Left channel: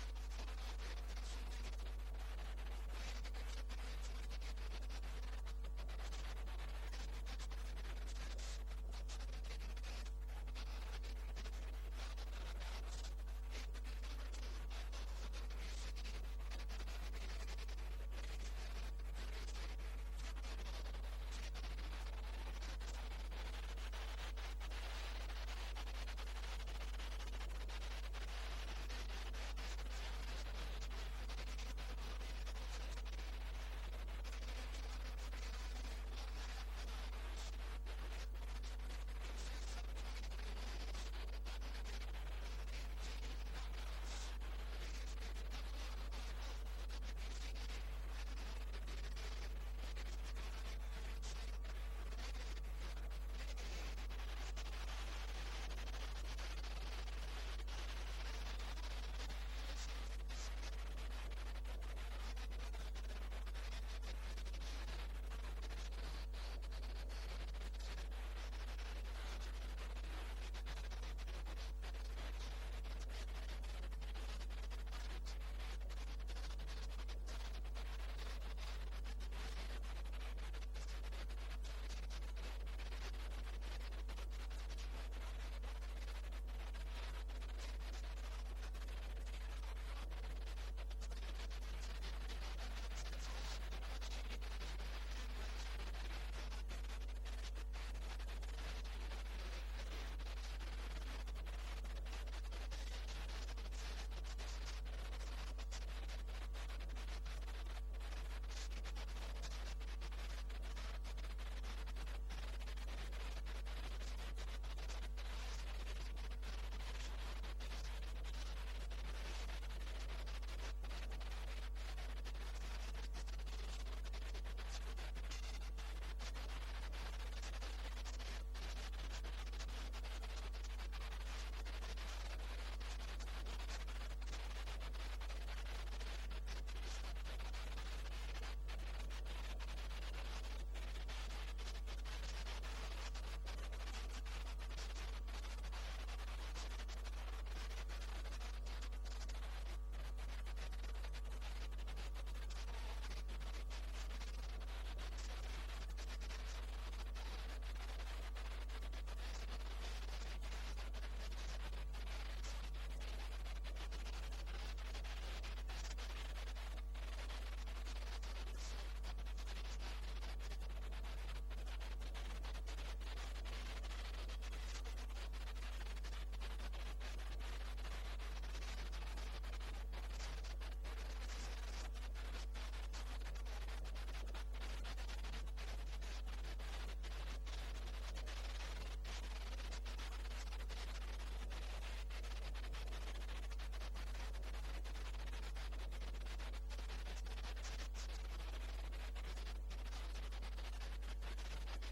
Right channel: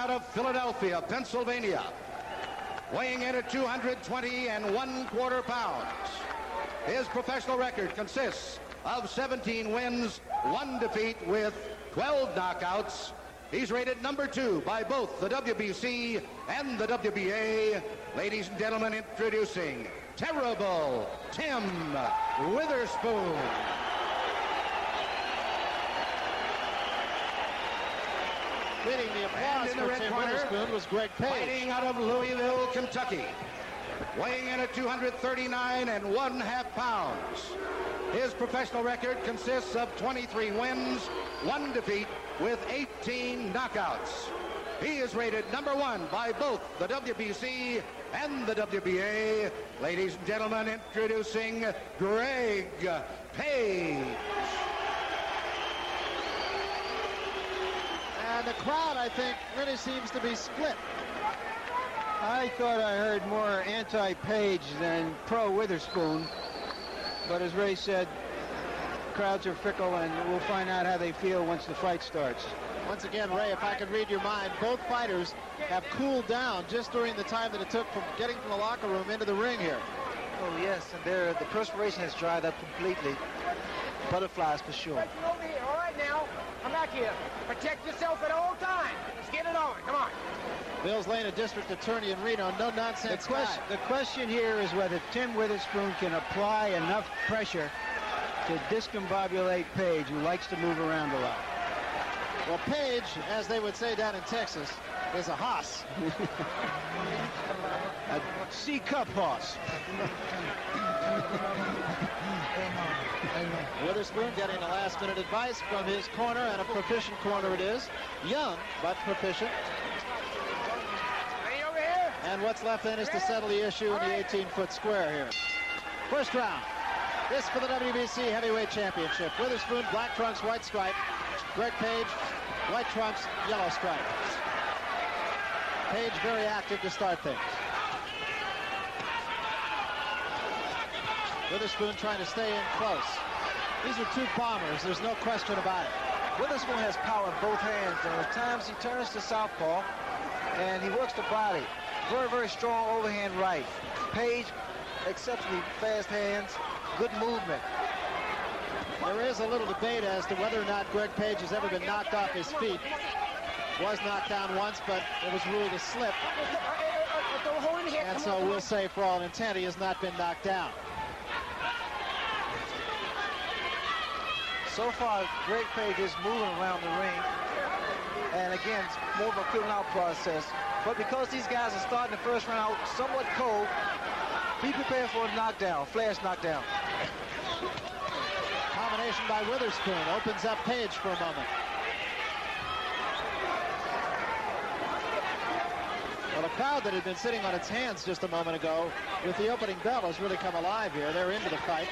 out of Philadelphia, Pennsylvania, weighing in at 220 1/4 pounds. His professional record consists of 17 wins, 1 defeat with 12 knockouts. He's rated number 2 by both the WBC and the WBA. Ladies and gentlemen, introducing Terrible Tim Witherspoon. Leading the applause for Tim Witherspoon was Greg Page. Fighting out of Louisville, Kentucky, weighing in at 239 1/2 pounds. His professional record consists of 23 wins, 1 defeat with 18 knockouts. He is rated number 1 by both the WBC and the WBA. Ladies and gentlemen, introducing Greg Page. And the crowd, I think, really seems to be split. I thought I heard more anti-Page than pro-Witherspoon. But as Ray said, crowds are fickle, and we'll find out how they feel once the fight starts. Once again, Ray, if I could read your mind, both fighters have cooled down just during the time that it took from getting from the locker room into the ring here. Oh, yes, and the perspiration has dried up completely. Butterflies for sure. Over here. All right, now, come back here. Protect yourself at all times. Let's get it on. Come on. Bill's Lane, a district attorney in Reno, no-nonsense guy. The question here is whether Tim Witherspoon can apply enough pressure to discombobulate Page, who likes to move around a lot. Well, Page, as they would say down in Texas, is a hoss. A C-cup hoss. Witherspoon getting the last-minute advice from his corner, and a proficient corner it is. Young, but proficient. Hey, over here. And what's left then is to settle the issue in the 18-foot square here. First round. This for the WBC Heavyweight Championship. Witherspoon, black trunks, white stripe. Greg Page, white trunks, yellow stripe. Page very active to start things. Witherspoon trying to stay in close. These are two bombers, there's no question about it. Witherspoon has power in both hands, and at times he turns to southpaw, and he works the body. Very, very strong overhand right. Page, exceptionally fast hands, good movement. There is a little debate as to whether or not Greg Page has ever been knocked off his feet. Was knocked down once, but it was ruled a slip. And so we'll say, for all intent, he has not been knocked down. So far, Greg Page is moving around the ring. And again, it's more of a feeling out process. But because these guys are starting the first round somewhat cold, be prepared for a knockdown, flash knockdown. Combination by Witherspoon opens up Page for a moment. Well, the crowd that had been sitting on its hands just a moment ago with the opening bell has really come alive here. They're into the fight.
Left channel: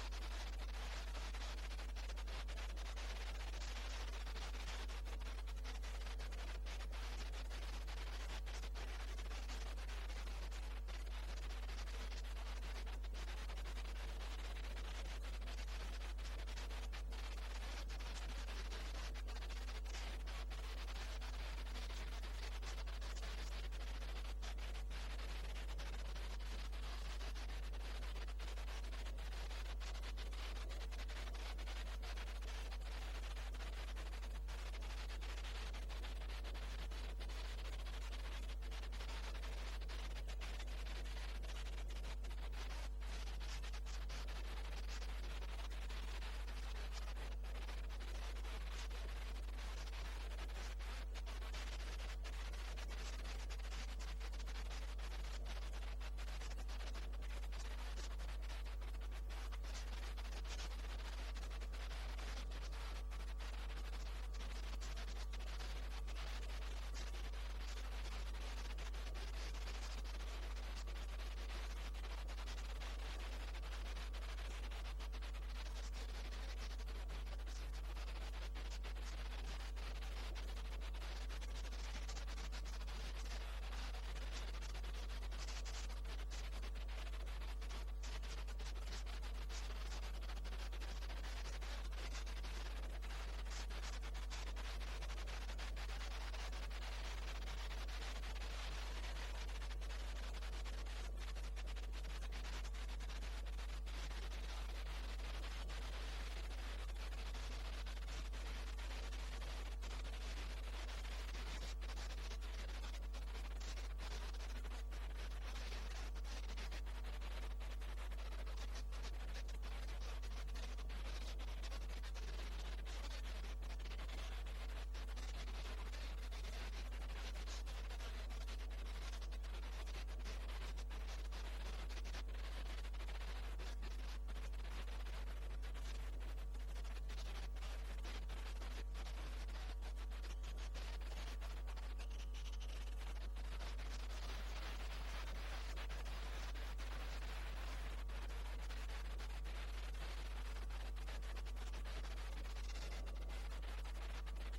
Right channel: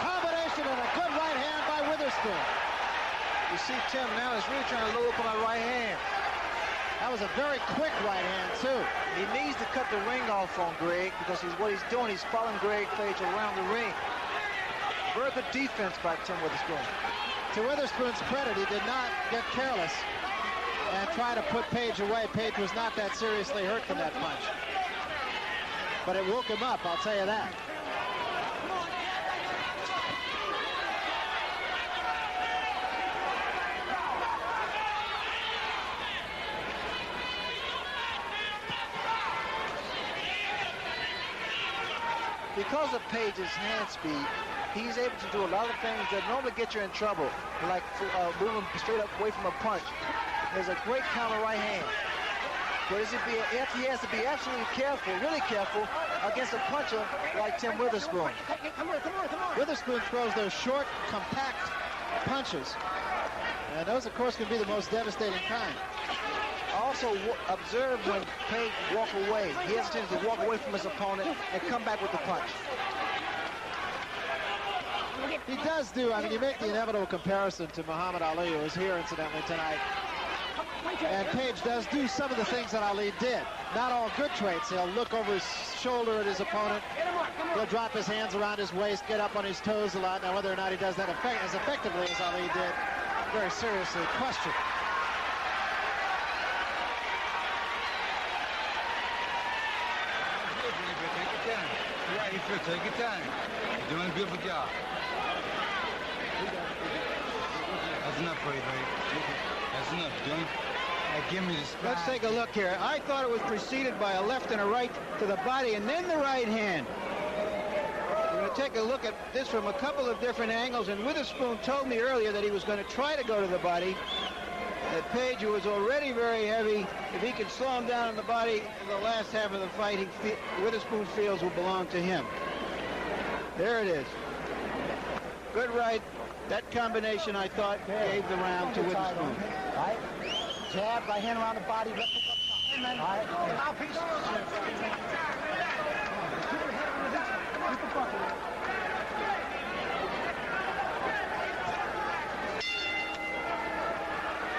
Combination and a good right hand by Witherspoon. You see Tim now is really trying to load up on that right hand. That was a very quick right hand, too. He needs to cut the ring off on Greg because what he's doing, he's following Greg Page around the ring. Very good defense by Tim Witherspoon. To Witherspoon's credit, he did not get careless and try to put Page away. Page was not that seriously hurt from that punch. But it woke him up, I'll tell you that. Because of Page's hand speed, he's able to do a lot of things that normally get you in trouble, like moving straight up away from a punch. There's a great counter right hand. But he has to be absolutely careful, really careful, against a puncher like Tim Witherspoon. Come on. Witherspoon throws those short, compact punches. And those, of course, can be the most devastating kind. Also, observe when Page walk away. He has a chance to walk away from his opponent and come back with the punch. He does do, I mean, you make the inevitable comparison to Muhammad Ali, who was here, incidentally, tonight. And Page does do some of the things that Ali did. Not all good traits. He'll look over his shoulder at his opponent. drop his hands around his waist, get up on his toes a lot. Now, whether or not he does that as effectively as Ali did, very seriously questioned. Take your time. You're doing a beautiful job. That's enough for you, baby. That's enough, Jim. Give me the spine. Let's take a look here. I thought it was preceded by a left and a right to the body and then the right hand. We're going to take a look at this from a couple of different angles, and Witherspoon told me earlier that he was going to try to go to the body. That Page, who was already very heavy, if he can slow him down in the body in the last half of the fight, Witherspoon feels will belong to him. There it is. Good right. That combination, I thought, gave the round to Witherspoon. Right. Jab, right hand around the body, left hook up top. All right. Mouthpiece.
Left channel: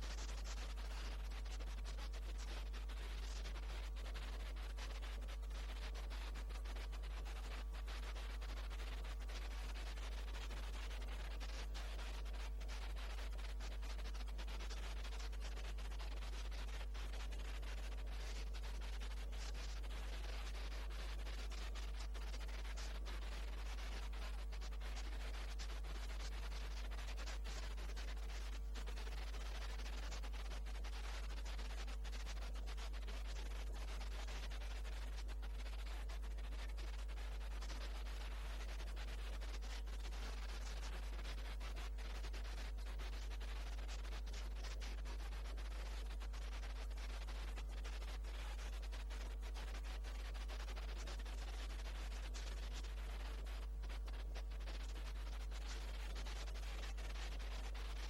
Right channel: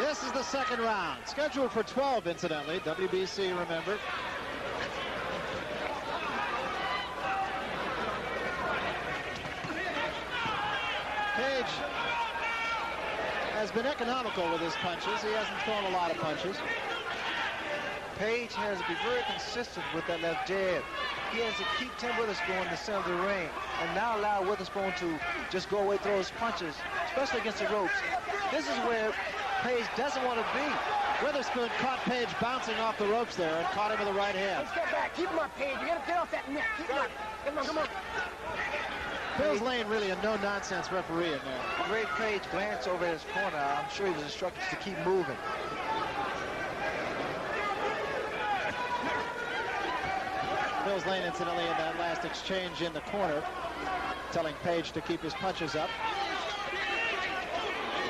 This is the second round, scheduled for 12, incidentally. WBC, remember. Page has been economical with his punches. He hasn't thrown a lot of punches. Page has to be very consistent with that left jab. He has to keep Tim Witherspoon in the center of the ring and not allow Witherspoon to just go away, throw his punches, especially against the ropes. This is where Page doesn't want to be. Witherspoon caught Page bouncing off the ropes there and caught him with the right hand. Let's get back. Keep him up, Page. You got to get off that neck. Keep him up. Come on, come on. Mills Lane really a no-nonsense referee in there. Great Page glanced over at his corner. I'm sure he was instructed to keep moving. Mills Lane, incidentally, in that last exchange in the corner, telling Page to keep his punches up.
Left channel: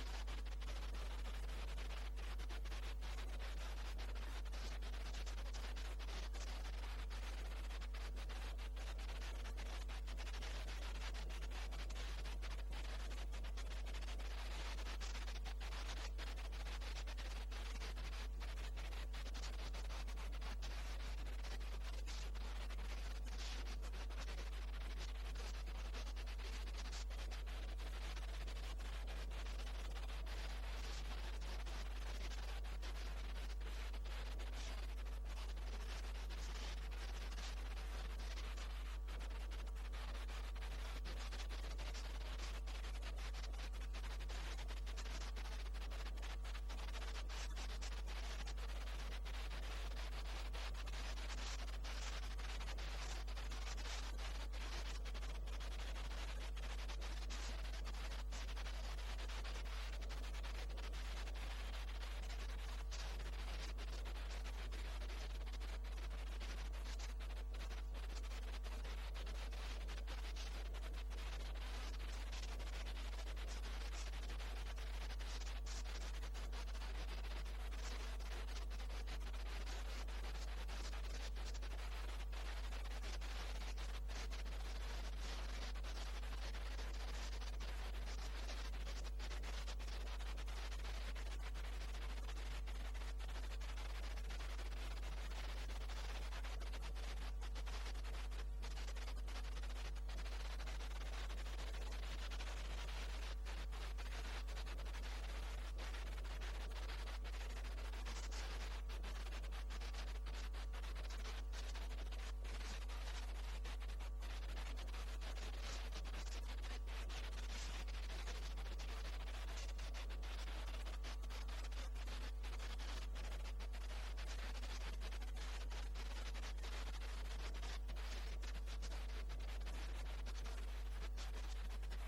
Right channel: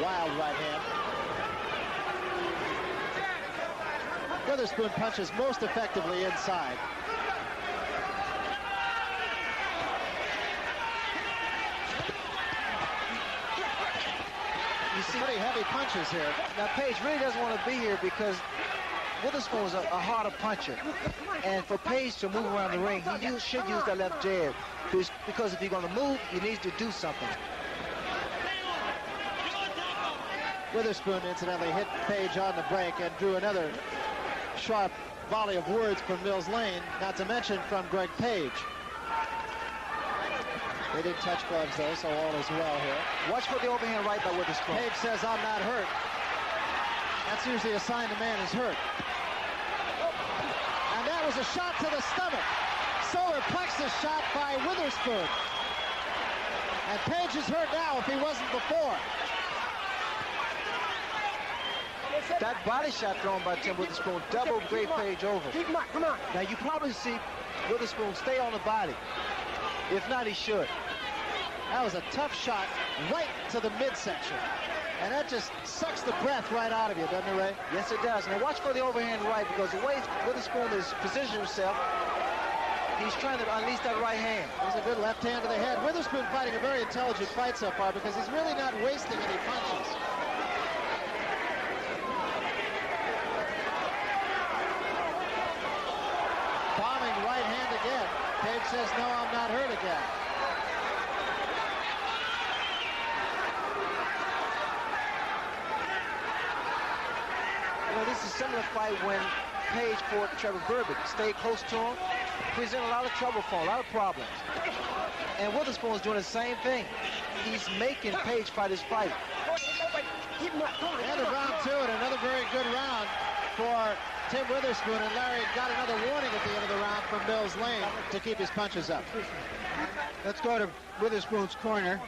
Wild right hand. Witherspoon punches most effectively inside. You see pretty heavy punches here. Now Page really doesn't want to be here because Witherspoon is a harder puncher. And for Page to move around the ring, he should use that left jab. Because if you're going to move, he needs to do something. Witherspoon, incidentally, hit Page on the break and drew another sharp volley of words from Mills Lane, not to mention from Greg Page. They did touch gloves, though, so all is well here. Watch for the overhand right by Witherspoon. Page says, I'm not hurt. That's usually a sign the man is hurt. And that was a shot to the stomach. Solar plexus shot by Witherspoon. And Page is hurt now if he wasn't before. That body shot thrown by Tim Witherspoon doubled Great Page over. Keep him up, come on. Now you probably see Witherspoon stay on the body. If not, he should. That was a tough shot right to the midsection. And that just sucks the breath right out of you, doesn't it, Ray? Yes, it does. Now watch for the overhand right, because the way Witherspoon is positioning himself, he's trying to unleash that right hand. There's a good left hand to the head. Witherspoon fighting a very intelligent fight so far because he's really not wasting any punches. Bombing right hand again. Page says, no, I'm not hurt again. You know, this is a similar fight when Page fought Trevor Berbick. Stayed close to him, presented a lot of trouble for him, a lot of problems. And Witherspoon is doing the same thing. He's making Page fight his fight. Keep him up. Come on. And a round two, and another very good round for Tim Witherspoon, and Larry got another warning at the end of the round from Mills Lane to keep his punches up. Let's go to Witherspoon's corner.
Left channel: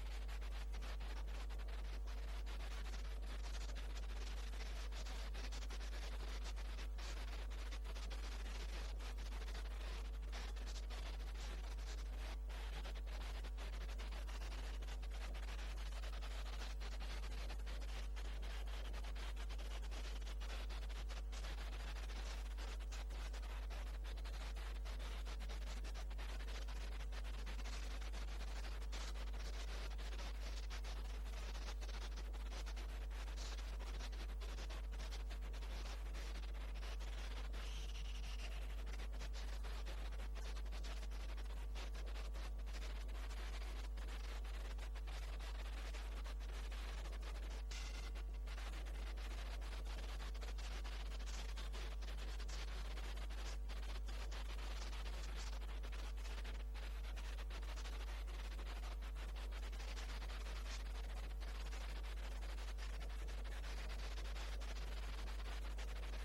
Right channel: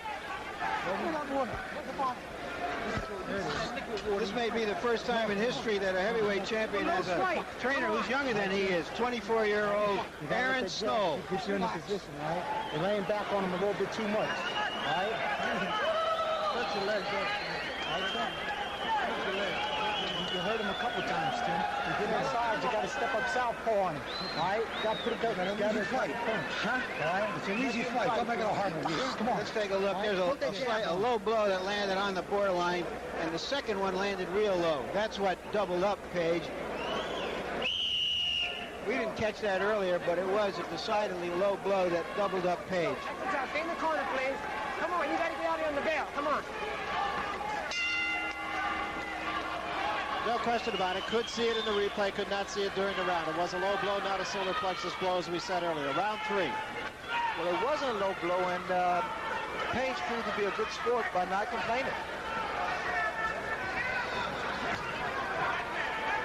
This may be the first time in history that a heavyweight champion has a trainer who's younger than he is, 24-year-old Aaron Snow. Puts you in the position, all right? You're laying back on him a little bit too much, all right? Let your legs go. All right, Tim? Let your legs. You hurt him a couple times, Tim. You get inside, you got to step up southpaw on him, all right? You got to put it down. It's an easy fight. Huh? All right? It's an easy fight. Don't make it a hard one. Come on. Let's take a look. There's a low blow that landed on the borderline, and the second one landed real low. That's what doubled up Page. We didn't catch that earlier, but it was a decidedly low blow that doubled up Page. Stay in the corner, please. Come on, you got to get out here on the bail. Come on. No question about it. Could see it in the replay, could not see it during the round. It was a low blow, not a solar plexus blow, as we said earlier. Round 3. Well, it wasn't a low blow, and Page proved to be a good sport by not complaining.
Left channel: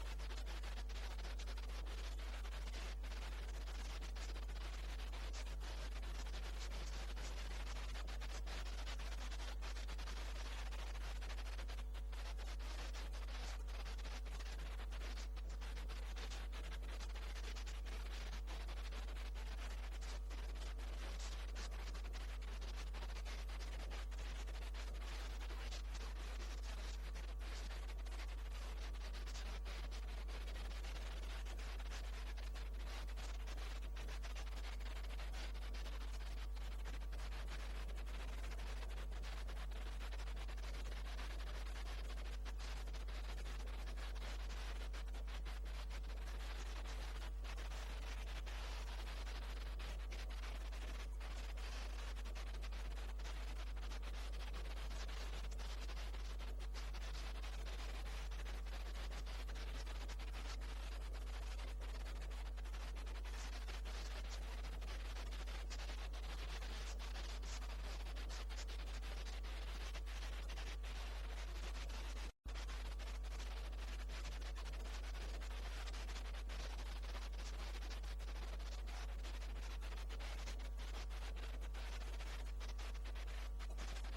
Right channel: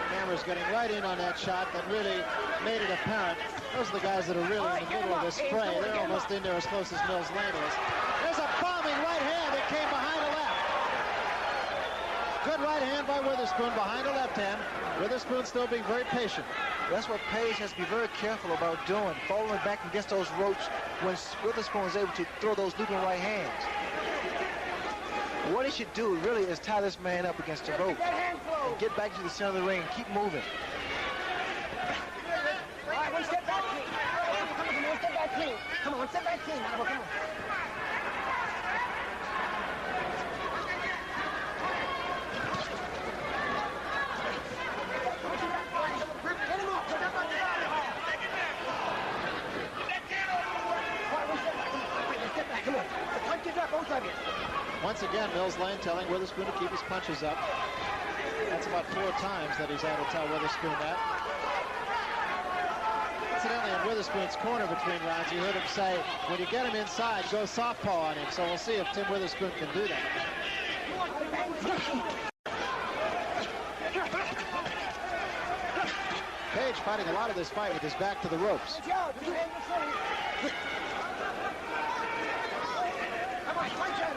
Camera's getting right in on that shot that really made it apparent. Those are the guys that are really in the middle of this fray. They're almost in there as close as Mills Lane is. There's a bombing right hand that came behind the left. Good right hand by Witherspoon behind the left hand. Witherspoon still being very patient. That's what Page has to be very careful about doing, falling back against those ropes when Witherspoon is able to throw those looping right hands. What he should do really is tie this man up against the rope and get back to the center of the ring and keep moving. All right, one step back, clean. Come on, one step back, clean. Come on, one step back, clean. Come on. Once again, Mills Lane telling Witherspoon to keep his punches up. That's about 4 times that he's had to tell Witherspoon that. Incidentally, in Witherspoon's corner between rounds, you heard him say, when you get him inside, go softpaw on him. So we'll see if Tim Witherspoon can do that. Page fighting a lot of this fight with his back to the ropes.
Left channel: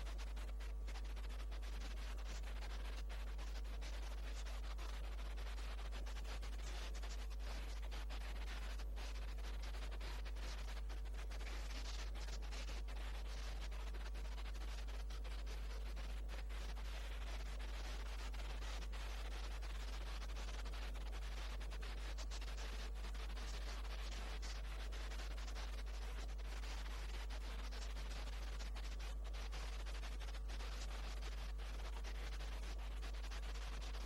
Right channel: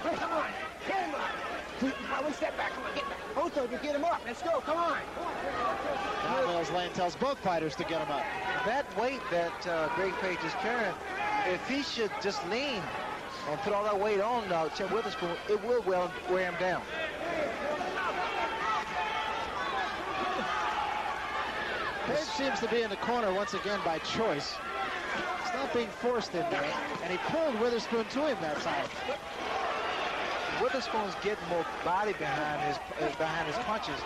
Come on. Get him up. One step back. Come on, get back. Both of you, get him up. Let's go. Come on. Now Mills Lane tells both fighters to get him up. That weight that Greg Page is carrying, if he should just lean and put all that weight on Tim Witherspoon, it will wear him down. Page seems to be in the corner once again by choice. He's not being forced in there, and he pulled Witherspoon to him that time. Witherspoon's getting more body behind his punches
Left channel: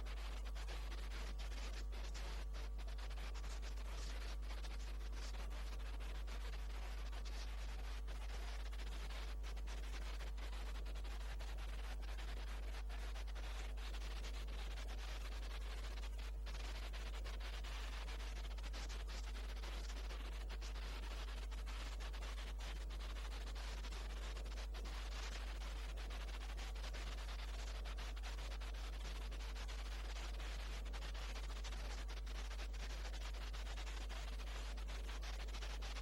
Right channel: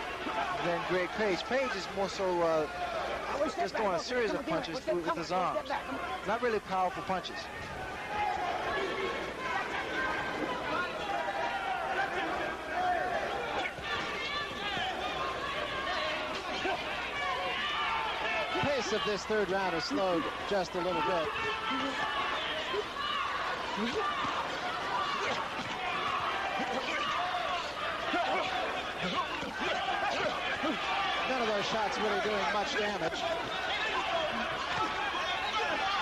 than Greg Page. Page is more so just throwing a series of punches with his arms. Not really powerful punches. Pace of this third round has slowed just a little bit. None of those shots really doing much damage.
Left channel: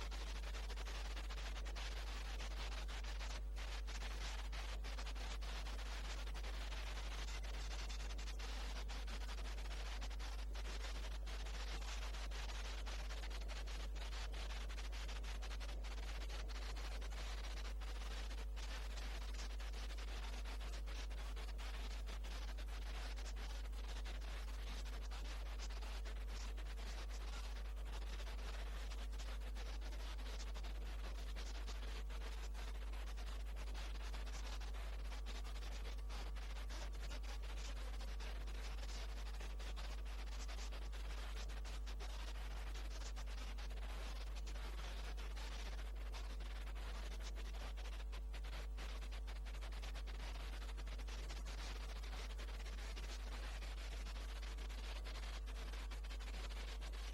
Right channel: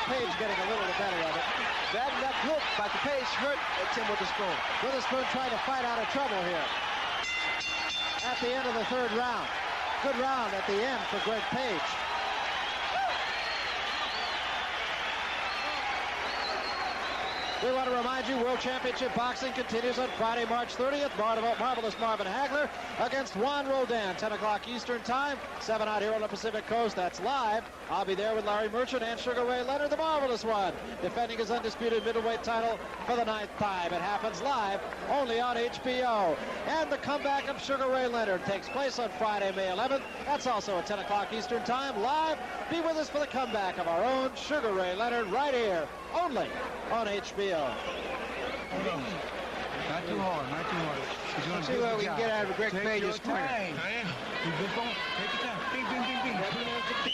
Page getting a little bit better of it. That hook by the Page hurt Tim Witherspoon. Witherspoon trying to fight out of trouble here. At the end of the third round. Good round at the end for Greg Page. We want to remind you, World Championship Boxing continues on Friday, March 30th. Marvelous Marvin Hagler against Juan Roldan, 10 o'clock Eastern Time, 7 out here on the Pacific Coast. That's live. I'll be there with Larry Merchant and Sugar Ray Leonard, the Marvelous One, defending his undisputed middleweight title for the 9th time. It happens live only on HBO. And the comeback of Sugar Ray Leonard takes place on Friday, May 11th. That's also at 10 o'clock Eastern Time, live. Be with us for the comeback of our own Sugar Ray Leonard right here, only on HBO. Not too hard, not too hard. Let's see what we can get out of Greg Page's corner. You just don't take your time. Bing, bing, bing, bing.